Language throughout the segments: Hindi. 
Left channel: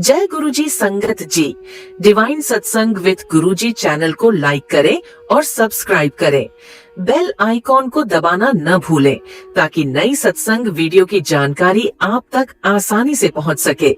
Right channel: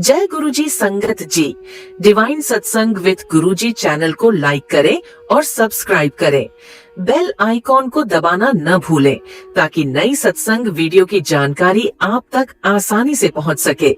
जय गुरुजी संगत जी। डिवाइन सत्संग विद गुरुजी चैनल को लाइक करें और सब्सक्राइब करें। बेल आइकॉन को दबाना न भूलें ताकि नई सत्संग वीडियो की जानकारी आप तक आसानी से पहुंच सके।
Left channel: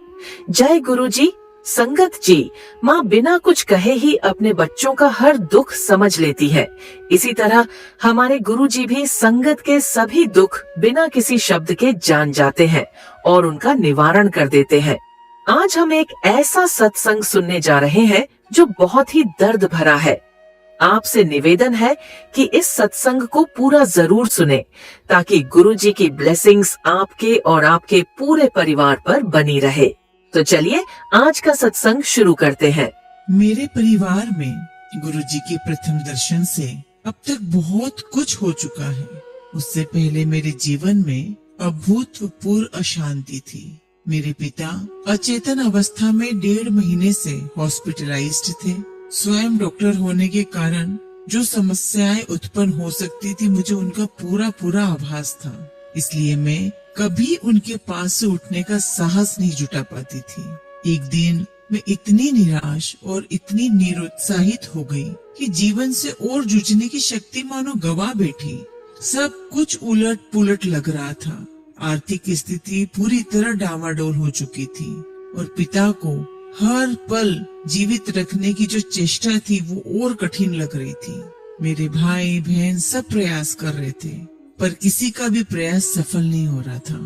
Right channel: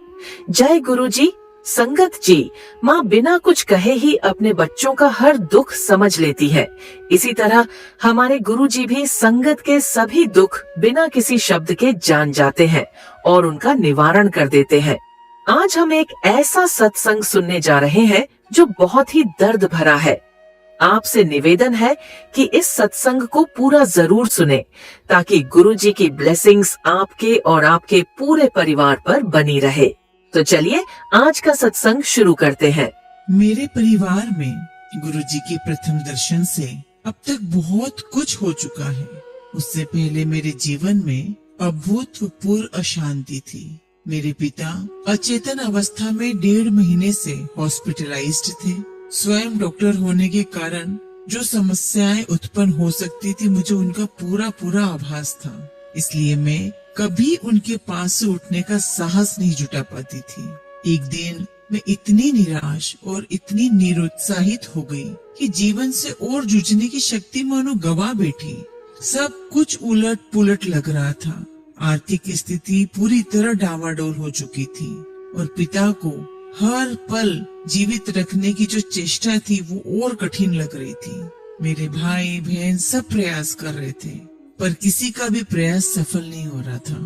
जय गुरुजी संगत जी। माँ बिना कुछ कहे ही अपने बच्चों का हर दुख समझ लेती है। इसी तरह हमारे गुरुजी भी संगत के सभी दुख बिना किसी शब्द के जान जाते हैं और उनका निवारण कर देते हैं। आज हम एक ऐसा सत्संग सुनने जा रहे हैं जो बहुत ही दर्द भरा है। आपसे निवेदन है कि इस सत्संग को पूरा जरूर सुने ताकि गुरुजी की ब्लेसिंग्स आपके और आपके पूरे परिवार पर बनी रहे। तो चलिए आज का सत्संग शुरू करते हैं। मेरे परिवार में गुरुजी के प्रथम दर्शन से अब तक बहुत कुछ हो चुका है। उससे पहले मेरे जीवन में अभूतपूर्व अशांति थी। मेरे पिता अचेतन अवस्था में 1.5 महीने से हॉस्पिटलाइज्ड थे। स्वयं डॉक्टर होने के कारण जो समस्याएं उत्पन्न हो सकती थी मुझे उनका पूरा आभास था। इसलिए मैं कभी उनके पास से उठने का साहस नहीं जुटा पाती थी। एक दिन मैं इतनी निराश और इतनी निरुत्साहित हो गई कि जीवन से और जूझने की शक्ति मानो गवा बैठी। सब कुछ उलट पुलट लग रहा था। आर्थिक स्थिति पूरी तरह डामाडोल हो चुकी थी और पिता को हर पल जीवित रखने की जो चेष्टा थी वो और कठिन लग रही थी। मेरे भाई बहन सब प्रयास कर रहे थे पर किसी का भी प्रयास सफल नहीं हो रहा था।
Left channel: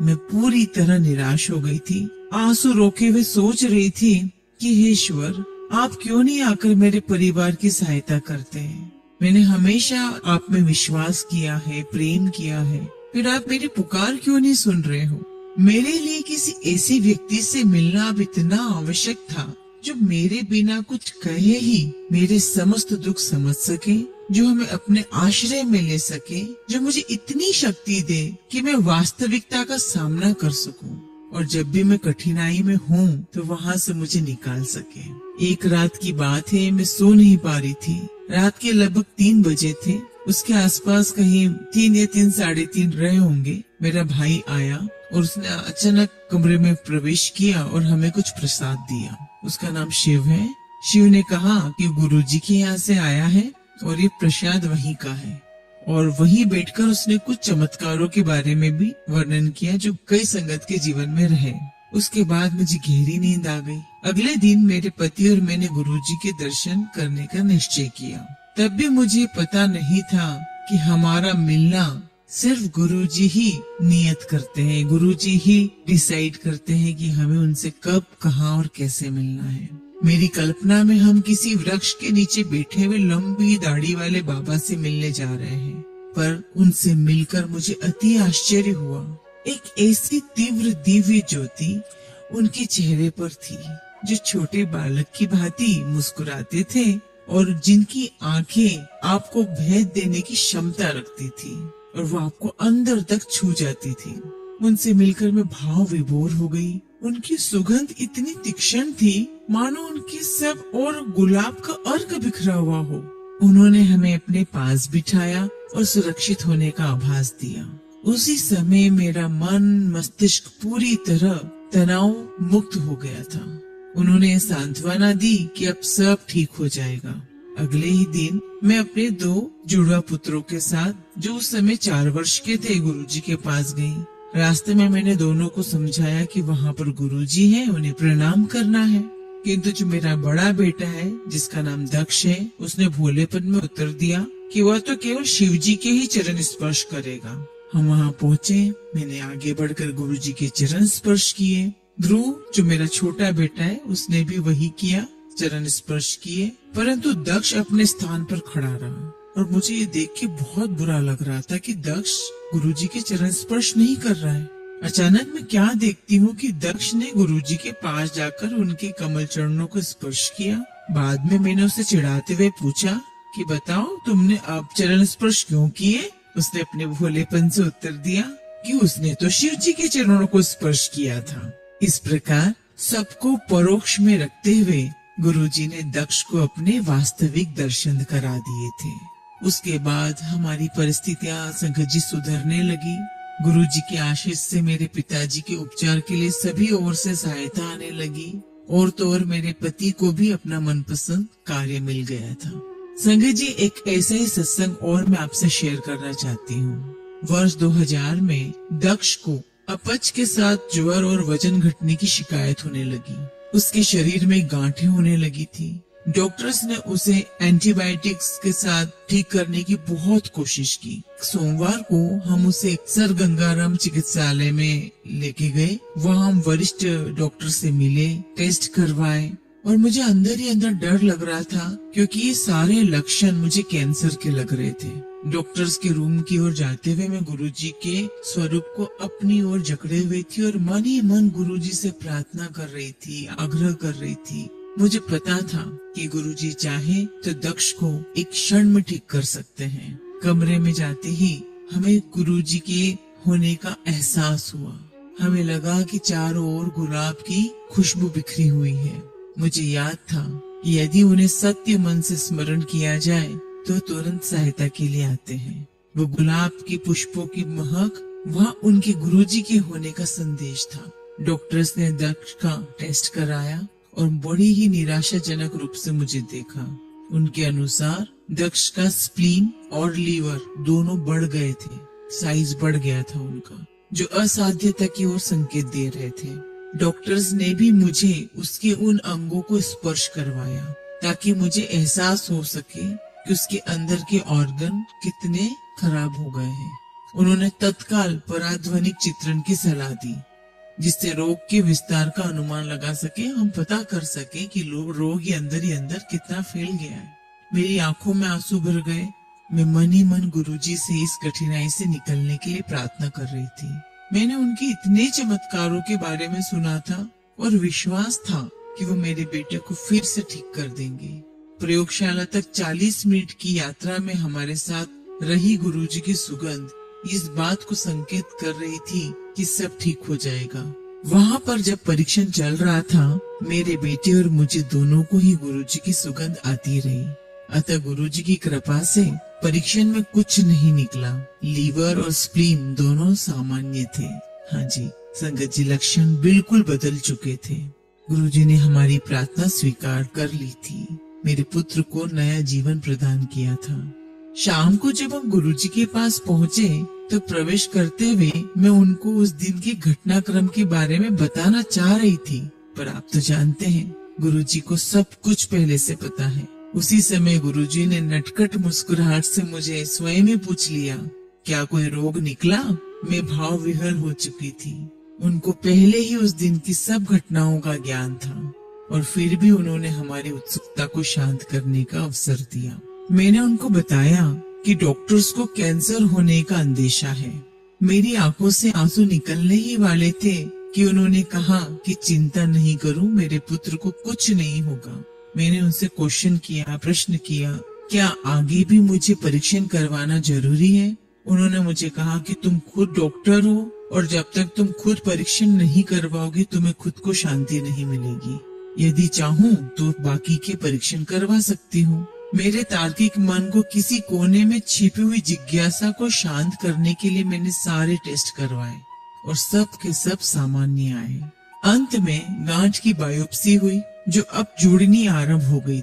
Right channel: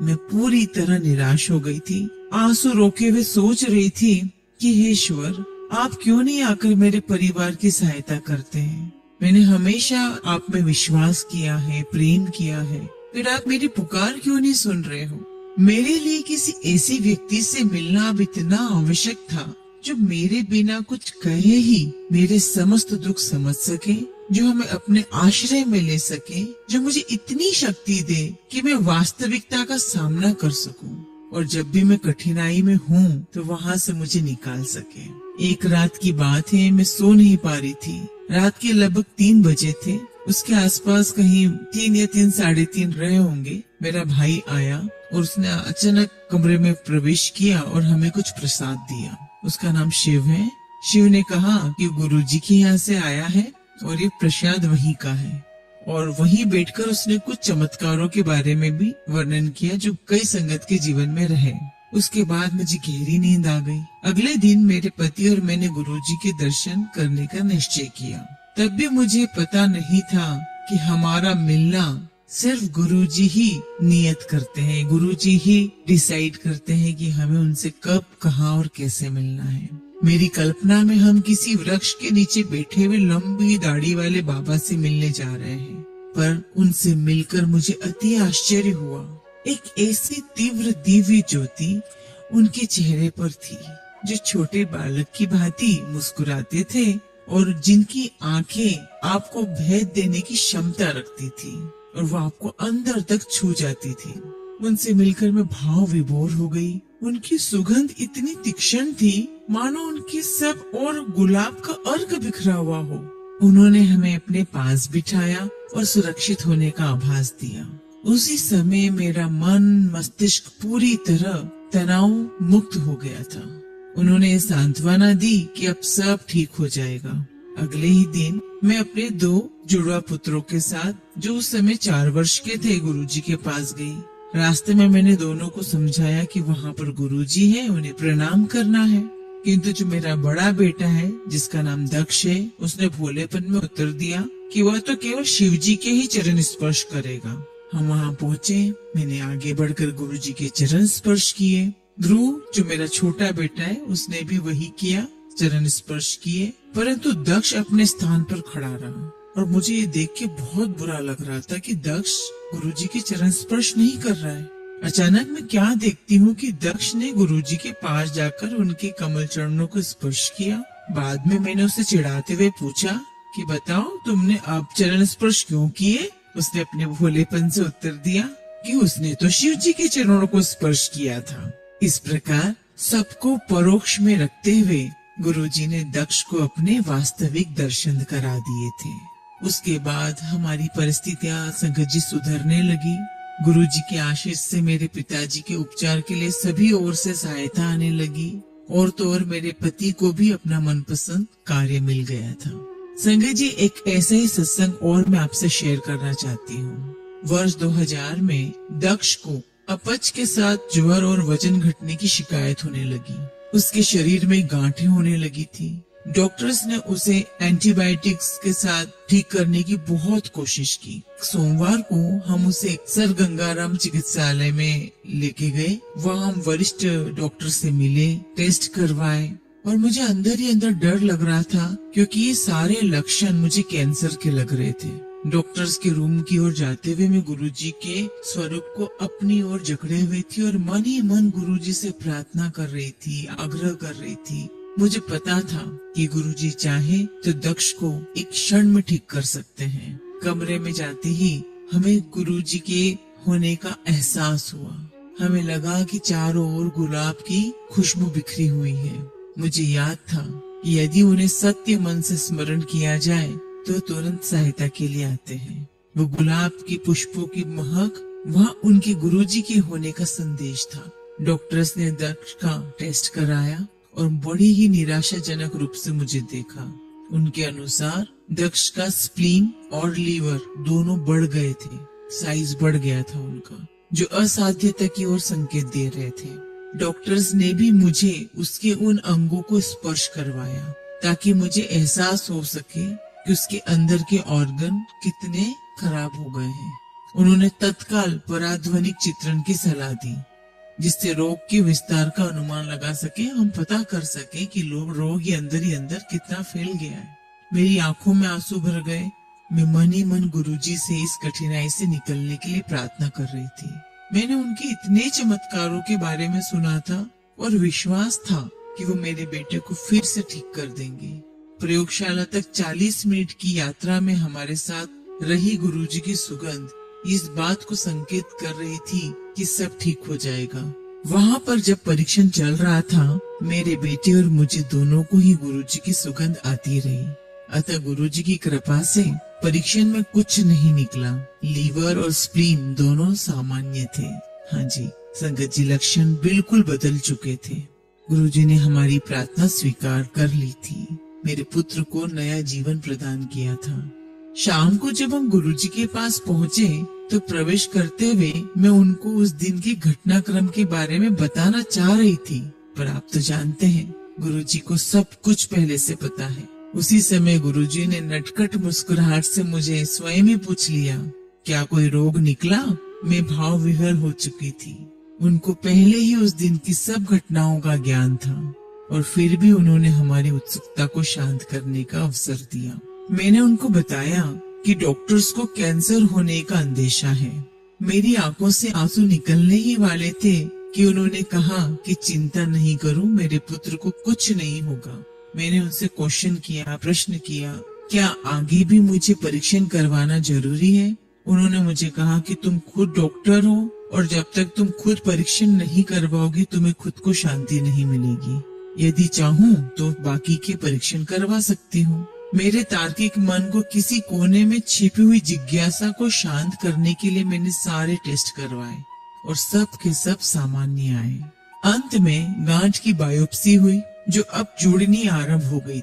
मैं पूरी तरह निराश हो गई थी। आंसू रोके हुए सोच रही थी कि हे ईश्वर, आप क्यों नहीं आकर मेरे परिवार की सहायता करते हैं। मैंने हमेशा आप में विश्वास किया है, प्रेम किया है, फिर आप मेरी पुकार क्यों नहीं सुन रहे हो। मेरे लिए किसी ऐसे व्यक्ति से मिलना अब इतना आवश्यक था जो मेरे बिना कुछ कहे ही मेरे समस्त दुख समझ सके, जो हमें अपने आश्रय में ले सके, जो मुझे इतनी शक्ति दे कि मैं वास्तविकता का सामना कर सकूं और जब भी मैं कठिनाई में हूँ तो वहाँ से मुझे निकाल सके। एक रात की बात है, मैं सो नहीं पा रही थी। रात के लगभग 3 बजे थे। उसके आसपास कहीं 3 या 3, साढ़े 3 रहे होंगे। मेरा भाई आया और उसने अचानक कमरे में प्रवेश किया और हमें कुछ प्रसाद दिया। उसका नाम शिव है। शिव ने कहा कि गुरुजी के यहाँ से आया है और ये प्रसाद वहीं का है। और वहीं बैठकर उसने कुछ चमत्कारों के बारे में भी वर्णन किया जो कई संगत के जीवन में रहे। उसके बाद मुझे गहरी नींद आ गई। अगले दिन मेरे पति और मैंने गुरुजी के दर्शन करने का निश्चय किया। तब भी मुझे पता नहीं था कि हमारा मिलना सिर्फ गुरुजी ही नियत करते हैं। गुरुजी ही डिसाइड करते हैं कि हमें उनसे कब, कहाँ और कैसे मिलना है। मेरी कल्पना में हम किसी वृक्ष के नीचे बैठे हुए लंबी दाढ़ी वाले बाबा से मिलने जा रहे हैं, पर उनसे मिलकर मुझे अति आश्चर्य हुआ। एक ऐसी तीव्र दिव्य ज्योति उनके चेहरे पर थी जो छोटे बालक की भांति मुस्कुराते थे और जिनकी आंखें आपको भेद देने की क्षमता रखती थी और वो आपको अंदर तक छू जाती थी। उनसे मिलकर मैं भाव विभोर हो गई। उनकी सुगंध इतनी तीक्ष्ण थी मानो उनके सब और गुलाब का अर्क बिखरा हुआ हो। उन्होंने हमें अपने पास बिठाया और सुरक्षित होने का आभास दिया। उसी समय मेरा मन मस्तिष्क पूरी तरह तनाव मुक्त हो गया था। उन्होंने सांत्वना दी कि अब सब ठीक हो जाएगा। अगले ही दिन मैं अपने 2 जुड़वा पुत्रों के साथ जो उस समय 4 वर्ष के थे गुरुजी के पास गई। रास्ते में मैंने दोनों को समझाया कि वहाँ पर गुरुजी है, उन्हें प्रणाम करना है। किंतु जो मेरा बड़ा बेटा है जिसका नाम दक्ष है, उसने भोलेपन में उत्तर दिया कि वह तो केवल शिव जी के ही चरण स्पर्श करेगा। हम वहाँ पहुँचे। मैंने आगे बढ़कर गुरुजी के चरण स्पर्श किए। ध्रुव जो मेरा छोटा बेटा है उसने भी वही किया, चरण स्पर्श किए, परंतु दक्ष अपने स्थान पर खड़ा रहा और मुझे ये देख के बहुत बुरा लग रहा था कि दक्ष गुरुजी के चरण स्पर्श नहीं कर रहा है। अचानक मैं क्या देखती हूँ कि दक्ष ने गुरुजी के पास जाकर उनके कमल चरणों को स्पर्श किया। बाद में मैंने उसे चिढ़ाते हुए पूछा कि बताओ तुमने अब चरण स्पर्श क्यों किए। उसने अपने भोलेपन से उत्तर दिया कि उसने तो शिव जी के चरणों को स्पर्श किया था। इस प्रकार सबको परोक्ष में रखते हुए गुरुजी ने दक्ष को अपने वास्तविक दर्शन करा दिए थे। उसके बाद हमारी परिस्थितियां संगत जी सुधरने लगी। गुरुजी के आशीष से मेरे पिताजी के उपचार के लिए सभी ओर से सहायता आने लगी। और तो और मेरे पति को भी अपना मनपसंद कार्य मिल गया था। संगत जी, एक ऐसा ही सत्संग और मैं आपसे शेयर करना चाहती हूँ। वर्ष 2000 में दक्ष को अपच के साथ ज्वर और वजन घटने की शिकायत होने लगी। उसके शरीर में गांठें होने लगी थी। डॉक्टर्स ने उसे एंटीबायोटिक्स के साथ ठीक करने की बहुत कोशिश की। सोमवार को हम उसे सर गंगाराम चिकित्सालय में लेके गए। वहाँ हम वरिष्ठ डॉक्टर से मिले, टेस्ट करवाए और मुझे अंदर ही अंदर डर लग रहा था, क्योंकि ये सारे लक्षण मुझे कैंसर के लग रहे थे। डॉक्टर्स के रूम की ओर जाते हुए मैं गुरुजी के स्वरूप को अपनी ओर जकड़े हुए थी और मन ही मन गुरुजी से प्रार्थना कर रही थी, आग्रह कर रही थी। मुझे पता था कि गुरुजी चाहे तो दक्ष को एक क्षण में ठीक कर सकते हैं। कमरे में जाते ही हमें गुरुजी के होने का एहसास हुआ। हमें लगा कि चारों ओर गुलाब की खुशबू बिखरी हुई है। मुझे याद था कि यदि उन्हें सत्य मन से स्मरण किया जाए तो तुरंत सहायता के लिए आते हैं। वो गुलाब के पुष्पों की महक वहाँ उनके गुरुजी के होने का संदेश था। डॉक्टर्स ने दक्ष का टेस्ट कराया और बड़ी ही निराशाजनक रूप से मुझे देखा। उनके अनुसार दक्ष का स्प्लीन और लीवर दोनों बढ़ गए थे। साइज बढ़ गया था उनका, जो असाध्यता की ओर संकेत दे रहे थे। डॉक्टर्स ने भी मुझे उसके उन अंगों को स्पर्श करवाया ताकि मुझे एहसास हो सके कि उसके अंदर के ऑर्गन कितने खराब हो गए हैं। उन्होंने तत्काल पराध्वनिक चित्रण की सलाह दी, जिससे रोग के विस्तार का अनुमान लगा सके, हम पता कर सके कि रोग ही अंदर कितना फैल गया है। मेरी आंखों में आंसू भर गए। मैं मन ही मन गुरुजी से इस कठिनाई से निकलने के लिए प्रार्थना कर रही थी। मैंने उनके इतने चमत्कारों के बारे में सुना था और विश्वास था कि वो मेरे बेटे को फिर से ठीक कर देंगे। प्रयोगशाला तक 40 मिनट की यात्रा में हमारे साथ रही गुरुजी की सुगंध इस बात को संकेत कर रही थी कि सब ठीक हो जाएगा। वहाँ पर जब परीक्षण चल रहा था, मेरे बेटे और मुझे दोनों को ही गुरुजी की सुगंध आती रही। अतः गुरुजी की कृपा से परीक्षण में कुछ नहीं निकला। लीवर और स्प्लीन दोनों सामान्य थे। हाँ जी संगत जी, लक्षण बिल्कुल बदल चुके थे। गुरुजी ने हमारी प्रार्थना स्वीकार कर ली थी। मेरे पुत्र को नया जीवन प्रदान किया था। शाम को जब हम गुरुजी के पास पहुँचे तो प्रवेश करते हुए मैं उनको उस दिन के घटनाक्रम के बारे में बताना चाह रही थी, पर आप तो जानते हैं गुरुजी को सब कुछ पहले से पता है। उसी समय गुरुजी ने नटखट मुस्कुराहट से मुझे स्वयं ही पूछ लिया, क्या कोई रोग निकला? मैं भाव विहर हो चुकी थी। उनको पहले ही उस दिन की सब घटनाओं का ज्ञान था और फिर भी उन्होंने हमारी उत्सुकता को शांत करने का अवसर दिया। मैंने उनको बताया कि डॉक्टर्स को कैंसर होने का अंदेशा है। मेरी आंखों से आंसू निकलने ही वाले थे कि उन्होंने कहा कि चिंता नहीं करूं, मेरे पुत्र को कुछ नहीं होगा। मैंने उनसे क्वेश्चन किया, प्रश्न किया, क्या आगे भी मुझे परीक्षण करवाना जरूरी है? उन्होंने मुझे कहा कि तुम खुद डॉक्टर हो और जब तक तुम खुद परीक्षण नहीं करवाओगे तुम्हें खुद को शांति नहीं मिलेगी। यदि चाहूँ तो बाकी के परीक्षण करवा सकती हूँ। मेरे तार्किक मन को किसी कोने में छिपी हुई जिज्ञासा को शांत करने के लिए मैंने सारे टेस्ट करवाए और सब के सब सामान्य आए। अंत में गांठ की बायोप्सी हुई जो अब जुड़नी आरंभ हो गई